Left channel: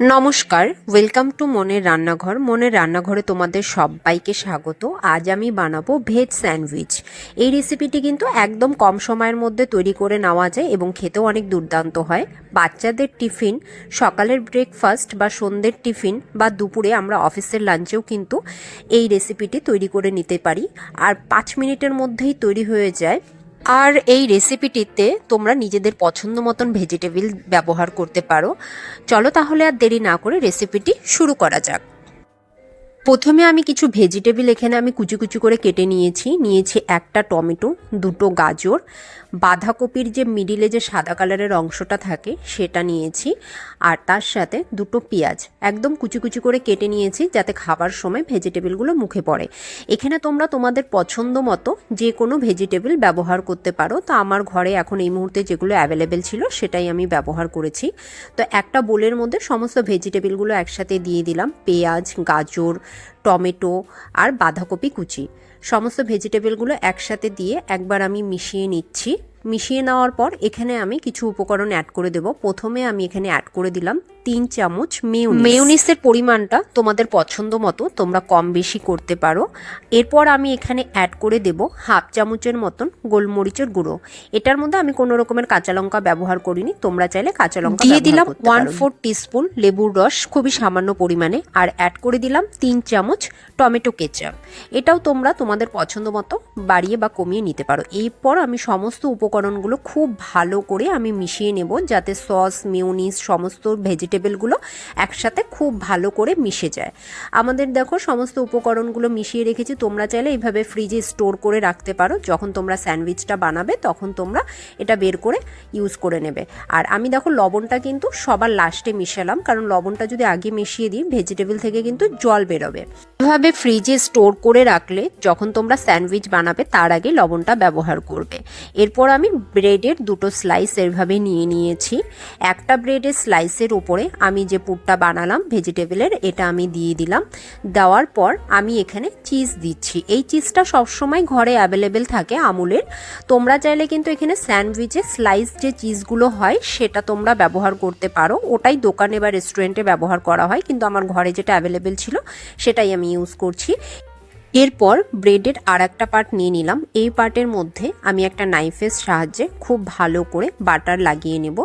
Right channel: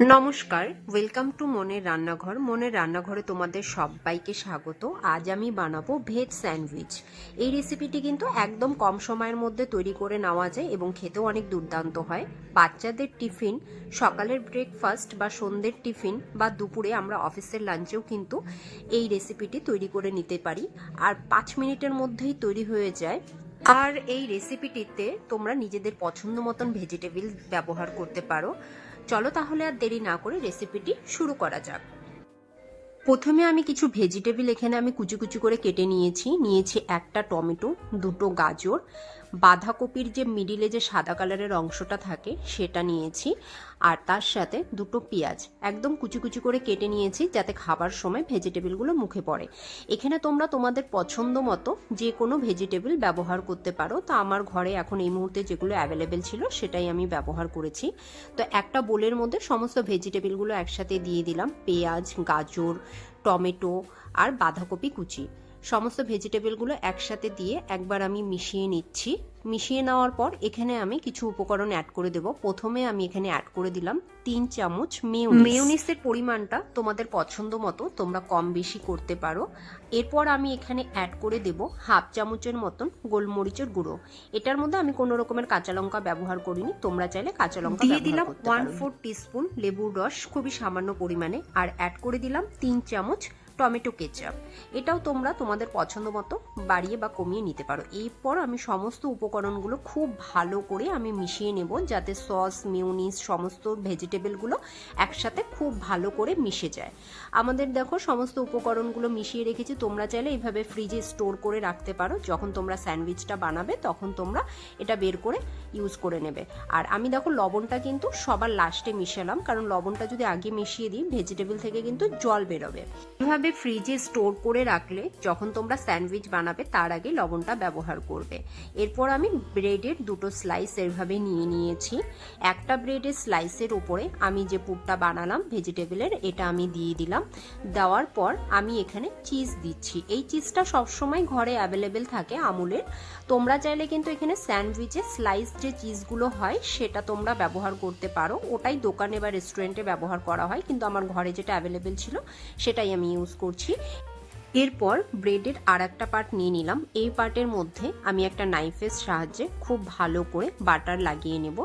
নমস্কার, welcome to মনের রান্নাঘর। মনের রান্নাঘরে তোমাদের সবাইকে স্বাগত। আজ আমি বানাবো ভেজ স্যান্ডউইচ। এই রেসিপিটি কিন্তু একদম কম সময়ের মধ্যে তৈরি করে নেওয়া যায় এবং খেতেও অনেক দুর্দান্ত হয়। বাচ্চাদের টিফিন, সকালের ব্রেকফাস্ট বা সন্ধ্যের টিফিন বা দুপুরে আমরা অফিসের লাঞ্চেও কিন্তু এই রেসিপিটি তৈরি করে নিতে পারি, আর 5 মিনিটের মধ্যেই তৈরি হয়ে যায়। আর এই রেসিপিটিতে তোমরা নিজেদের পছন্দ মতন ভেজিটেবল ব্যবহার করতে পারো। চলো তাহলে আর দেরি না করে রেসিপিটি শুরু করা যাক। প্রথমে আমি কিছু ভেজিটেবল এখানে আমি কুচি কুচি করে কেটে নিয়েছি একটা টমেটো, দুটো গাজর, বাঁধাকপির যে মিডিলে যে সাদা কালারের অংশটা থাকে সেটা নিয়েছি, আর তার সাথে দুটো পেঁয়াজ একদম কুচি কুচি করে কেটে নিয়েছি যাতে খাবার সময় ভেজিটেবলগুলো মুখে পড়ে। এখানে তোমরা তোমাদের পছন্দ মতো যে কোনো ভেজিটেবল ব্যবহার করতে পারো। তো আমার ঘরে এখন এই মুহূর্তে যেগুলো অ্যাভেলেবেল ছিল সেটাই আমি ব্যবহার করেছি। তো একটা বোলের মধ্যে সমস্ত ভেজিটেবলগুলো একসাথে দিয়ে দিলাম, পেঁয়াজ, গাজর, টমেটো আর বাঁধাকপি কুচি। সমস্ত ভেজিটেবলগুলো একসাথে দিয়ে একবার আমি মিশিয়ে নিচ্ছি। মিশিয়ে নেওয়ার পর এখানে আমি কিছু উপকরণ অ্যাড করে দেব। প্রথমে আমি এখানে অ্যাড করে দিলাম 3 চামচ মেয়োনিজের পরিমাণটা তোমাদের পছন্দ মতো তোমরা কম বেশি করতে পারো। এরপর আমি এখানে অ্যাড করে দেব হাফ চামচের মতন গোলমরিচের গুঁড়ো। এটার মধ্যে আমি কোনো রকমের কাঁচা লঙ্কা ব্যবহার করিনি, তোমরা চাইলে কাঁচা লঙ্কা দিয়ে দিলাম 1/4 টিস্পুন লেবুর রস, খুবই সামান্য পরিমাণে, আর অ্যাড করে দিলাম 3 চামচ টমেটো কেচাপ। এটাও তোমরা তোমাদের পছন্দ মতো বাড়িয়ে বা কমিয়ে নিতে পারো। এরপর আমি সমস্ত উপকরণগুলো খুব ভালো করে আমি মিশিয়ে নেব যাতে সস, মেয়োনিজ, সমস্ত ভেজিটেবলগুলো একসাথে খুব ভালো করে মিশে যায়। আমাদের দেখো সমস্ত উপকরণগুলো মিশিয়ে রেখেছি। তোমরা চাইলে এইভাবে ফ্রিজে স্টোর করে রাখতে পারো, যখন তোমরা স্যান্ডউইচটা বানাবে তখন তোমরা এটা বের করে ইউজ করে নেবে। আর আমি দেখো লবণটা কিন্তু সবার লাস্টে মিশালাম, কারণ লবণটা যদি আগে মিশিয়ে দিই ভেজিটেবল থেকে কিন্তু জল বেরোবে। এভাবে ফ্রিজে স্টোর করে রাখলে যখন তোমরা স্যান্ডউইচ বানাবে তার আগে লবণটা ব্যবহার করবে। এরপর আমি ব্রেডের দুটো স্লাইস এভাবে নিয়েছি। একটা ব্রেডের স্লাইসের উপরে আমি যে পুরটা বানালাম ভেজিটেবলের এটা আমি দিয়ে দিলাম। দেওয়ার পর আমি এখানে চিজ দিচ্ছি। এই চিজটা সবসময় ঘরে অ্যাভেলেবেল থাকে আমুলের। তোমরা চাইলে কিন্তু এখানে স্যান্ডউইচে স্লাইস যে চিজগুলো হয় সেটা তোমরা ব্যবহার করতে পারো, ওটাই দোকানে বা রেস্টুরেন্টে ব্যবহার করা হয়, কিন্তু আমার ঘরে যেটা অ্যাভেলেবেল ছিল সেটাই আমি ইউজ করছি। এরপর ব্রেডের আর একটা পার্ট নিয়ে নিলাম। এই পার্টের মধ্যে আমি একটা নাইফের সাহায্যে খুব ভালো করে বাটার লাগিয়ে নেব।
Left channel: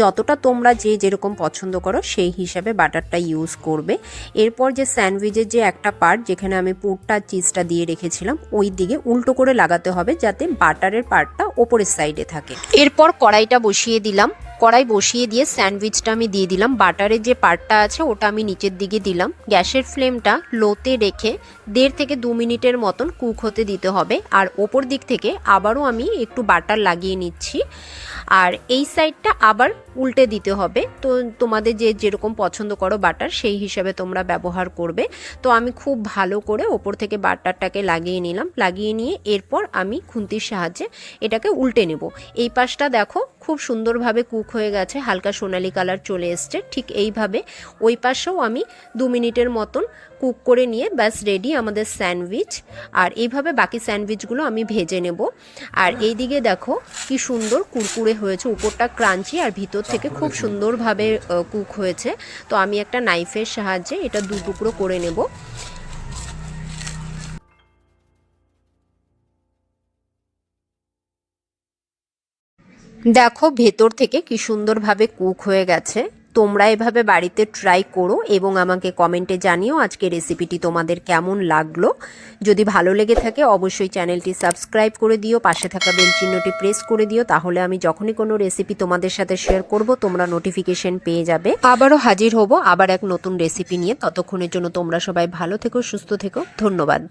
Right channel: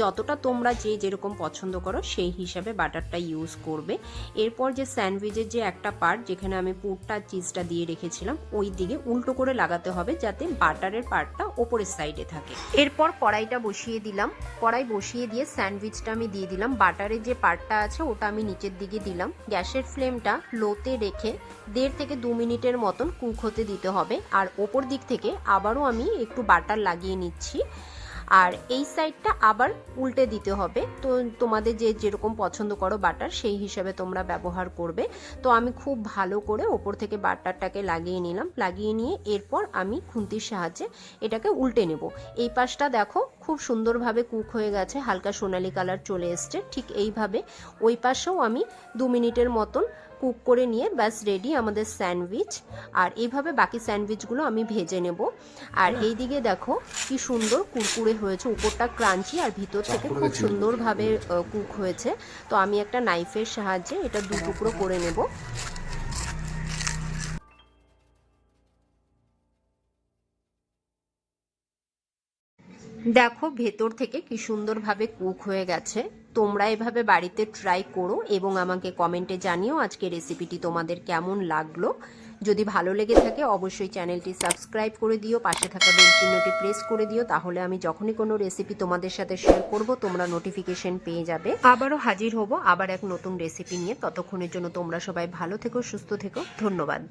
যতটা তোমরা যে যেরকম পছন্দ করো সেই হিসাবে বাটারটা ইউজ করবে। এরপর যে স্যান্ডউইচের যে একটা পার্ট যেখানে আমি পুরটা চিজটা দিয়ে রেখেছিলাম ওই দিকে উল্টো করে লাগাতে হবে যাতে বাটারের পার্টটা ওপরের সাইডে থাকে। এরপর কড়াইটা বসিয়ে দিলাম। কড়াই বসিয়ে দিয়ে স্যান্ডউইচটা আমি দিয়ে দিলাম। বাটারের যে পার্টটা আছে ওটা আমি নিচের দিকে দিলাম। গ্যাসের ফ্লেমটা লোতে রেখে 1.5 থেকে 2 মিনিটের মতন কুক হতে দিতে হবে। আর ওপর দিক থেকে আবারও আমি একটু বাটার লাগিয়ে নিচ্ছি, আর এই সাইডটা আবার উল্টে দিতে হবে। তো তোমাদের যে যেরকম পছন্দ করো বাটার সেই হিসাবে তোমরা ব্যবহার করবে। তো আমি খুব ভালো করে ওপর থেকে বাটারটাকে লাগিয়ে নিলাম। লাগিয়ে নিয়ে এরপর আমি খুন্তির সাহায্যে এটাকে উল্টে নেব। এই পাশটা দেখো খুব সুন্দরভাবে কুক হয়ে গেছে, হালকা সোনালি কালার চলে এসছে। ঠিক এইভাবে ওই পাশেও আমি 2 মিনিটের মতন কুক করে নিয়ে ব্যাস রেডি আমাদের স্যান্ডউইচ। আর এইভাবে বাকি স্যান্ডউইচগুলো আমি ভেজে নেব। আর এই দিকে দেখো কি সুন্দর কুরকুরে হয়েছে, উপরটা ক্রাঞ্চি আর ভিতর থেকে খুব সুন্দরভাবে কুক হয়েছে। তো আমি একটা নাইফের সাহায্যে এটা 2 টুকরো করে নেব। দেখো ভেতর থেকে কি সুন্দরভাবে কুক হয়ে গেছে। তোমরা এভাবে বাড়িতে ট্রাই করো এবং আমাকে কমেন্টে জানিও আজকে রেসিপিটি তোমাদের কেমন লাগলো। যদি ভালো লেগে থাকে অবশ্যই চ্যানেলটি সাবস্ক্রাইব করে দিও, পাশে থাকা বেল চিহ্নটি প্রেস করে দিও, তাহলে আমি যখনই কোনো রেসিপি তোমাদের সাথে শেয়ার করব তোমরা নোটিফিকেশন পেয়ে যাবে। আবারও হাজির হব আবার এক নতুন রেসিপি নিয়ে। ততক্ষণের জন্য তোমরা সবাই ভালো থেকো, সুস্থ থেকো। ধন্যবাদ।